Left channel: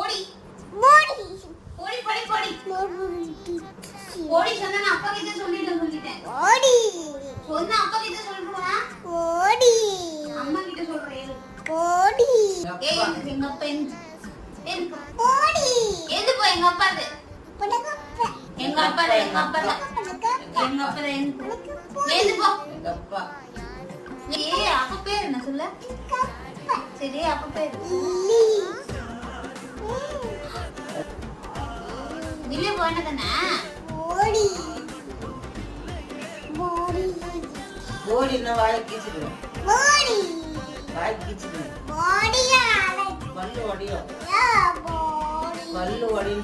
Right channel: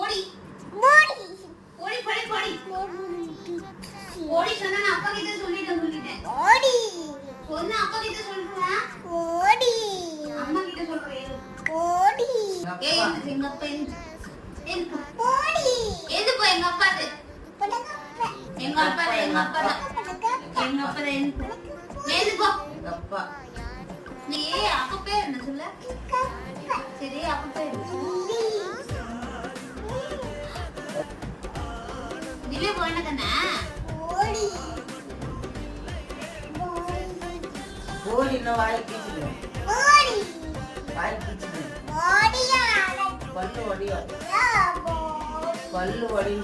போடி போடி போடி போடி போடி போடி சொன்னா அப்பா கிட்ட சொல்லிட்டேன் போடி சொன்னா அப்பா கிட்ட சொல்றா போடி அம்மா கிட்ட சொல்றேன் போடி ஏய் இந்த பென் போடி எது போய் எங்க அப்பா எங்க அப்பா எது போ எங்க அப்பா நீ அப்பா பேர் என்ன சொல்ல சரி அப்பா பேர் நிலே போனதனா ஓடி ஓடி ஓடி நான் வாய் கீச்சிடு ஓடி வாய் கீச்சிடு ஓடியா பல்லு ஓடியா பல்லு ஓடி